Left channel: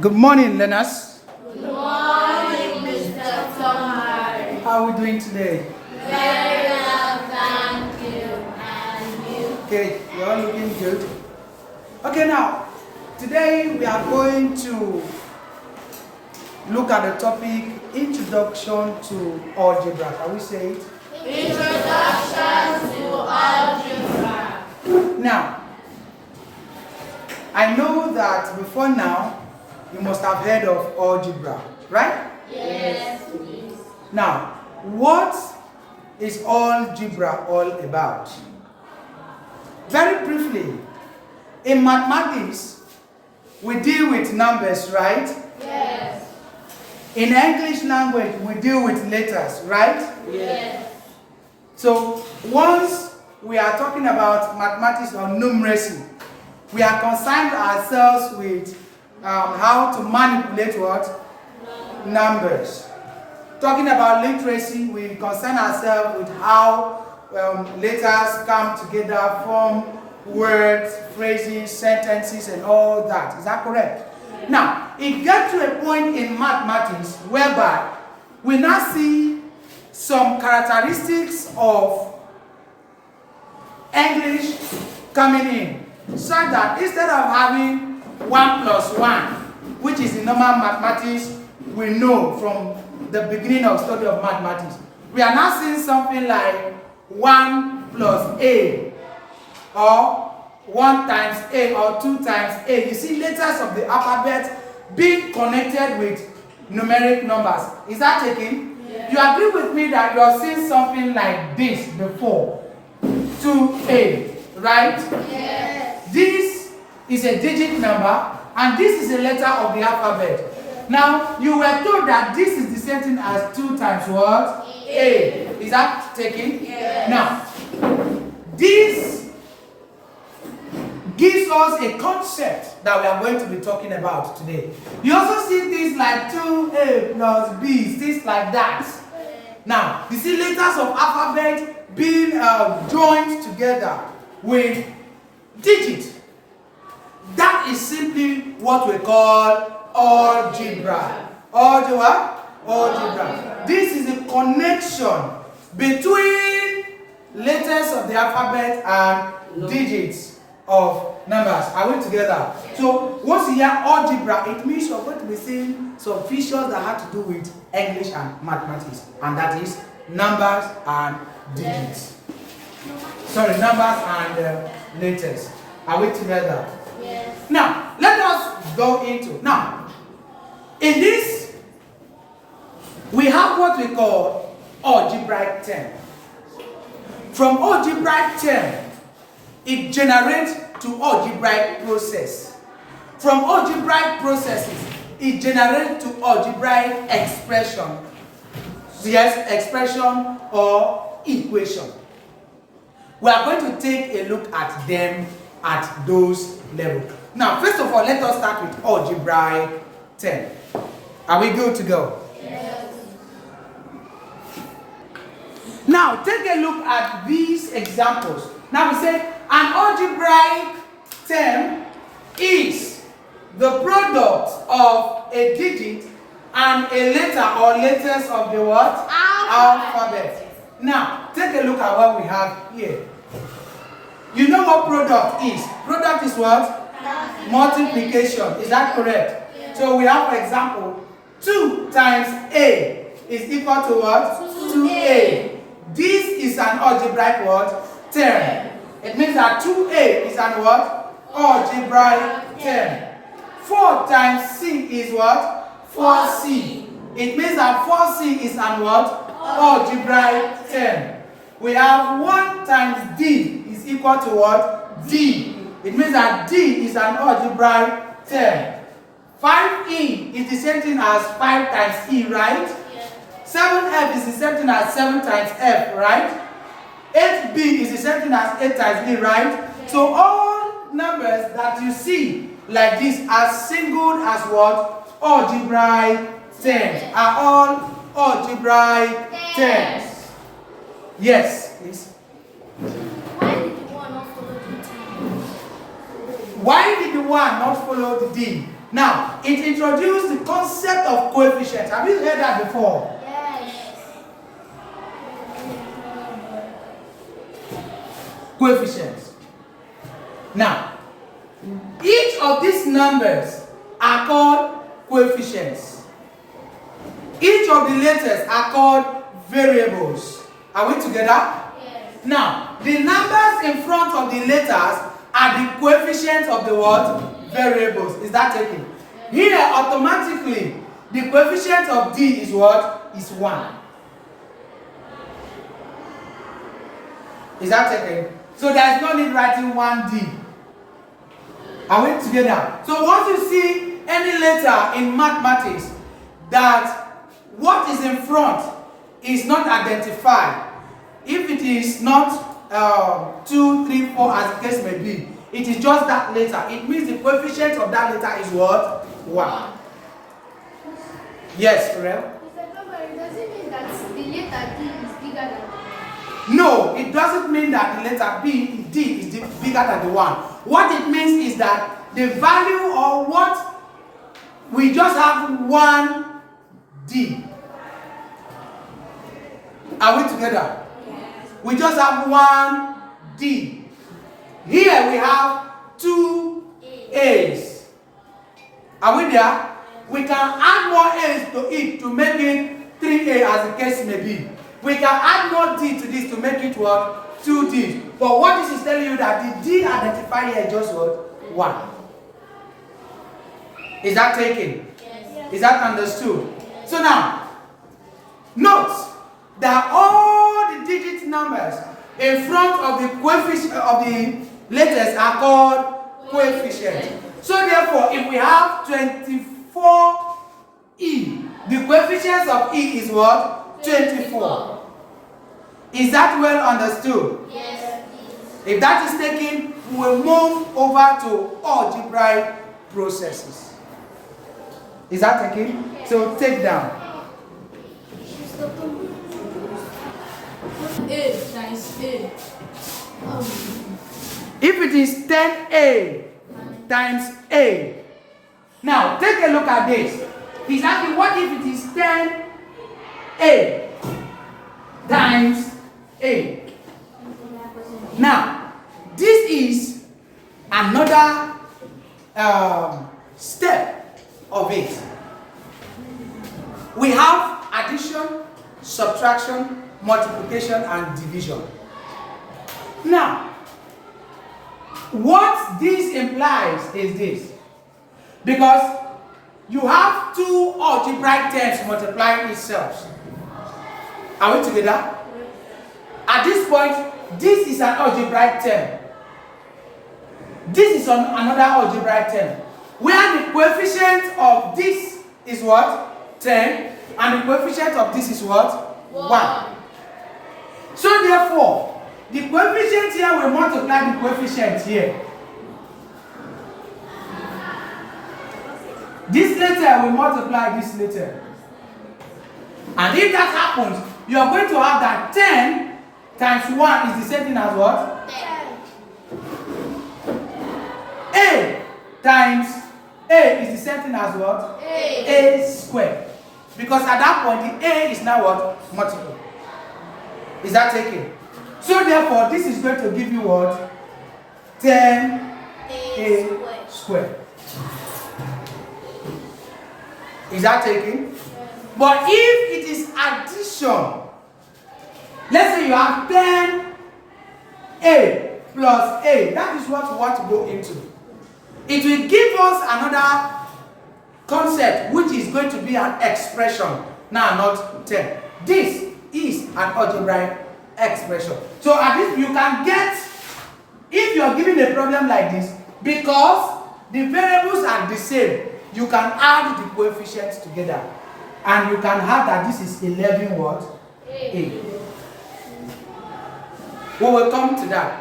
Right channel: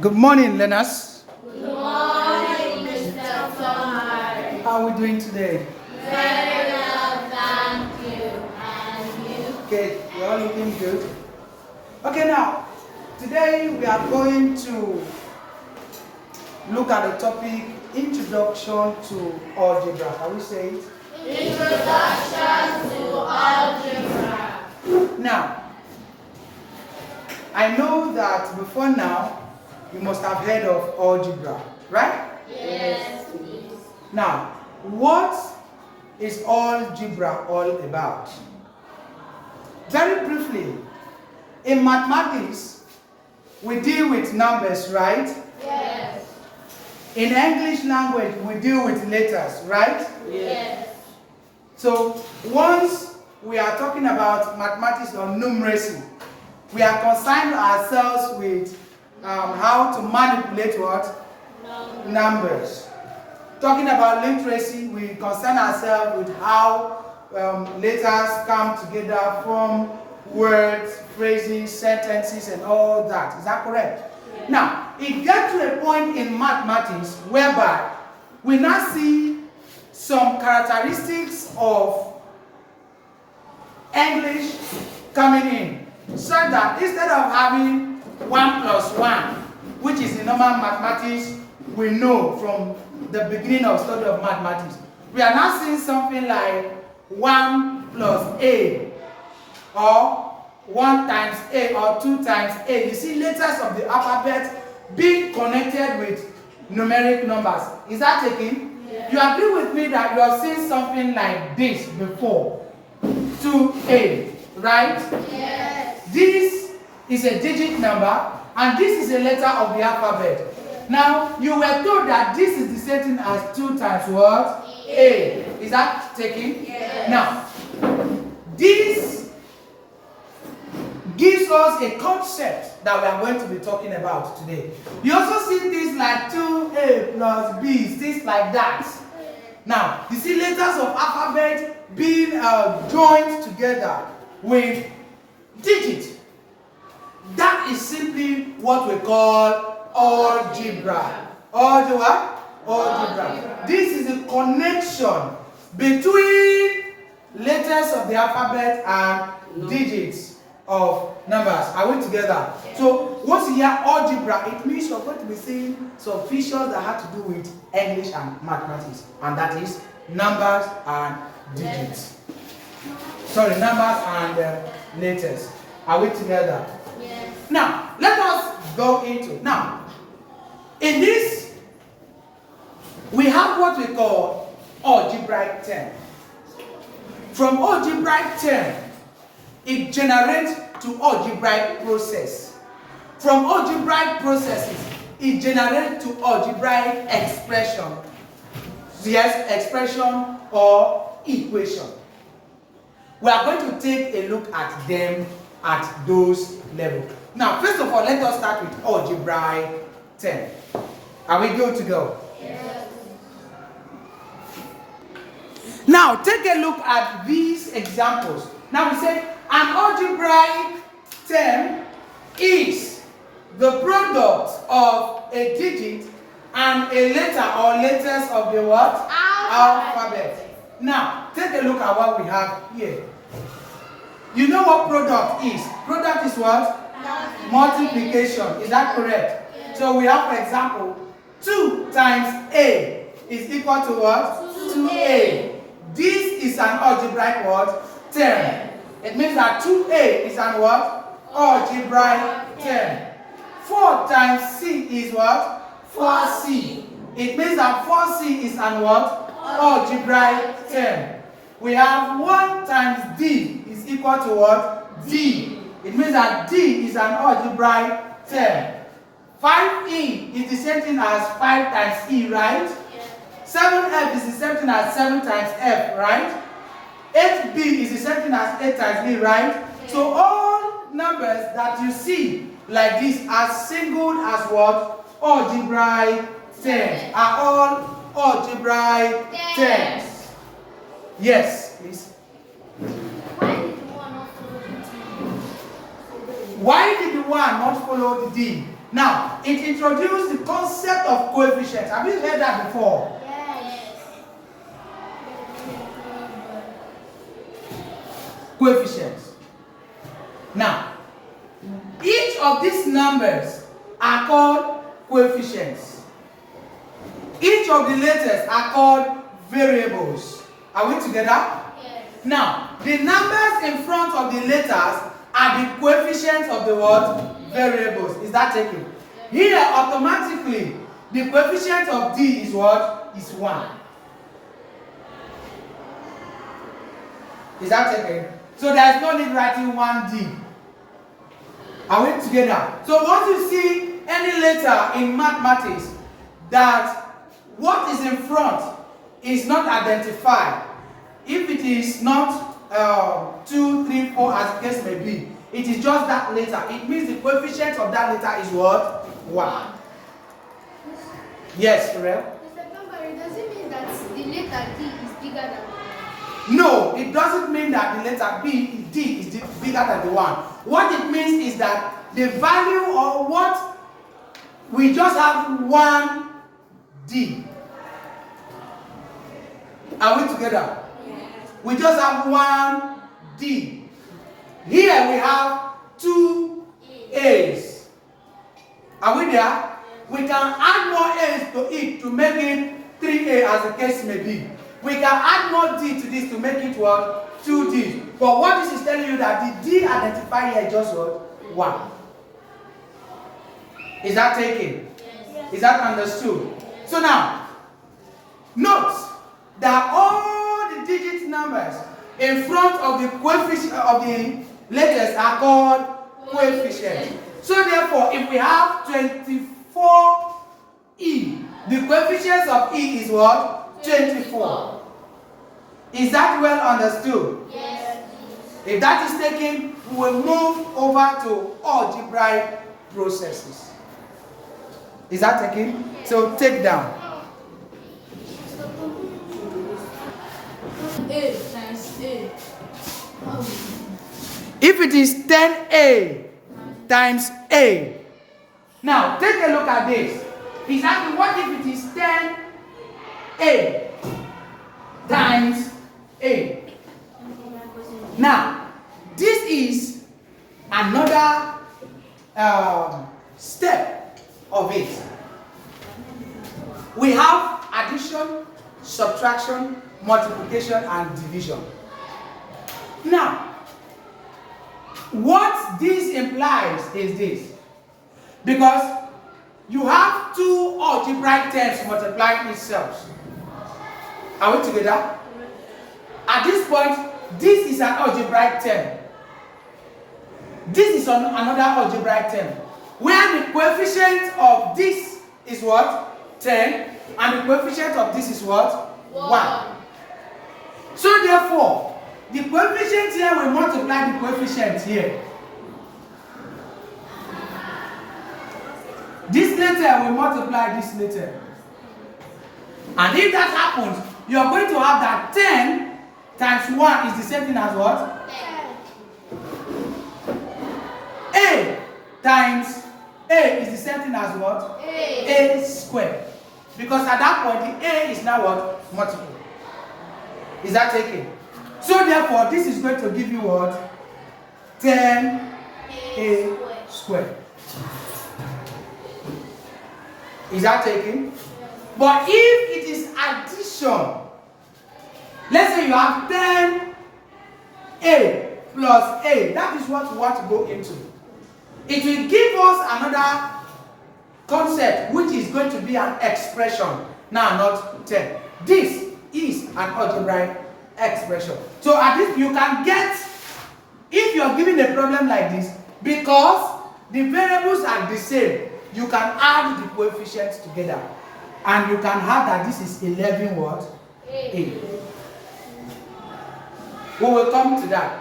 Good morning, learners. Good morning, Mr. Thomas. How are we doing today? Very well, thank you. And you? Okay, you're all looking good. Okay, now, today we are going to look at the topic Introduction to Algebra. Can we say it? Introduction to Algebra. Now, I know that before now, you must have heard of algebra, right? Yes, please. Now, what is algebra all about? Very briefly, in mathematics, we deal with numbers, right? Yes. In English language, we deal with letters, right? Yes. So, once we are talking about mathematics or numeracy, we are concerned ourselves with how to manipulate what? Numbers. Talking about literacy, we concern ourselves with how letters come together, form words, phrases, sentences, and all that. Is that correct? Yes. Now, it gets to a point in mathematics whereby we now see some characteristics of English coming in, so that instead of having 1 plus 1, which is the normal mathematics we know from the beginning of study of mathematics, we are now seeing something like 1 plus a, or 1 times a, or 2 times a. You see letters of the alphabet being connected with numeric numbers. Is that taken? Yes. You agree with me that you have seen something like this before? 2a, right? Yes. This is a digit number, and this is a letter of the alphabet. Now, you were told that this is the same thing as 2 times what? A. Is that taken? Yes. Now, this gives us a concept that we are going to be talking about today. You also see things like 2a plus b, things like that. Now, you see letters of alphabet being joined together with digits. That is simply what we call algebra. Algebra. This is a connection between letters of the alphabet and digits of numbers. Are we together? So, once you hear algebra, it means you're going to be seeing some features that have to do with English and mathematics, and that is numbers and digits. Sorry, numbers and letters. Are we together? Yes. Now, let us go into. Now, in this, we have what we call algebraic term. From algebraic term, it generates to algebraic process. From algebraic processes, it generates to algebraic expression. Yes, expression or equation. We are going to take a look at them at those levels. Now, first of all, let us start with algebraic term. Are we good to go? Yes. Now, take a look at these examples. Now, we say an algebraic term is the product of a digit and a letter or letters of the what? Alphabet. Now, take a look at what we have here. You know what product is? Product is what? Multiplication. Is that correct? Yes. So we have, for example, 2 times a is equal to what? 2a. This is an algebraic what? Term. It means that 2a is an what? Algebraic term. 4 times c is what? 4c. It means that 4c is an what? Algebraic term. We have 1 times d is equal to what? D. It means that D is an algebraic term. 5e is the same thing as 5 times E, right? Yes. 7f is the same thing as 7 times F, right? 8b is the same thing as 8 times E, right? Yes. So all numbers that you see like this are singled as what? Algebraic terms. Are all algebraic terms. Yes, please. Why did the 1 not follow the D? Now, it introduced the concept of coefficients. Have you heard that before? Yes. Coefficients. Now, each of these numbers are called coefficients. Each of the letters are called variables. Are we together? Yes. Now, the numbers in front of the letters are the coefficients of the what? Variables. Is that taken? Here, automatically, the coefficient of D is what? Is 1. Is that taken? So there is no need writing 1D. Are we together? So once you see any letter in mathematics that what is in front is not identified, if it is not 2, 3, 4 as the case may be, it is just that letter. It means the coefficient of that letter is what? 1. Yes, Pharrell? Mr. Tombari, does it mean that the letter D is bigger than the 1? No, it doesn't mean that the letter D is bigger than the 1. What it means is that the value or what we just have 1 D. Are we together? Yes. We just have 1 D. Here we have 2 A's. Are we there? We can add more A's to it to make it 3A as the case may be. We can add more D to this to make it what? 2D. But what this is telling you that the D identifier here is just what? 1. Is that taken? Yes. Is that understood? So now, note that all the digit numbers in front of the coefficient of the letters are called coefficients. So therefore, if we have 24E, the coefficient of E is what? 24. Is that well understood? Yes. If that is taken, we will move over to algebraic processes. Is that taken? So take down. A times A. If it is 10A times A. Now, take a look at this. Exactly what if it is 10A times A? Now, this is another step of it. We have addition, subtraction, multiplication, and division. Now, what this implies is this. Because you have two algebraic terms multiplying itself. Are we together? At this point, this is an algebraic term. This is another algebraic term. Where the coefficient of this is what? 10. And the coefficient of this is what? 1. So therefore, the coefficient here will multiply the coefficient here. This letter will multiply this letter. And if that happens, you are going to have that 10 times 1 is the same thing as what? 10. A times A is the same thing as what? A squared. Because at that point, the A is now what? Multiple. Is that taken? So therefore, this is going to give you what? 10A squared. Is that taken? But if it is addition, let's say you have 10A plus A, that is what we want to go into. It will give us another concept, which is going to be an expression. Now, not 10. This is an algebraic expression. So at this, you can get, if you are given a problem like this, because the variables are the same, you can add the coefficients together. And you can have that this is 11 what? A. We will come to that.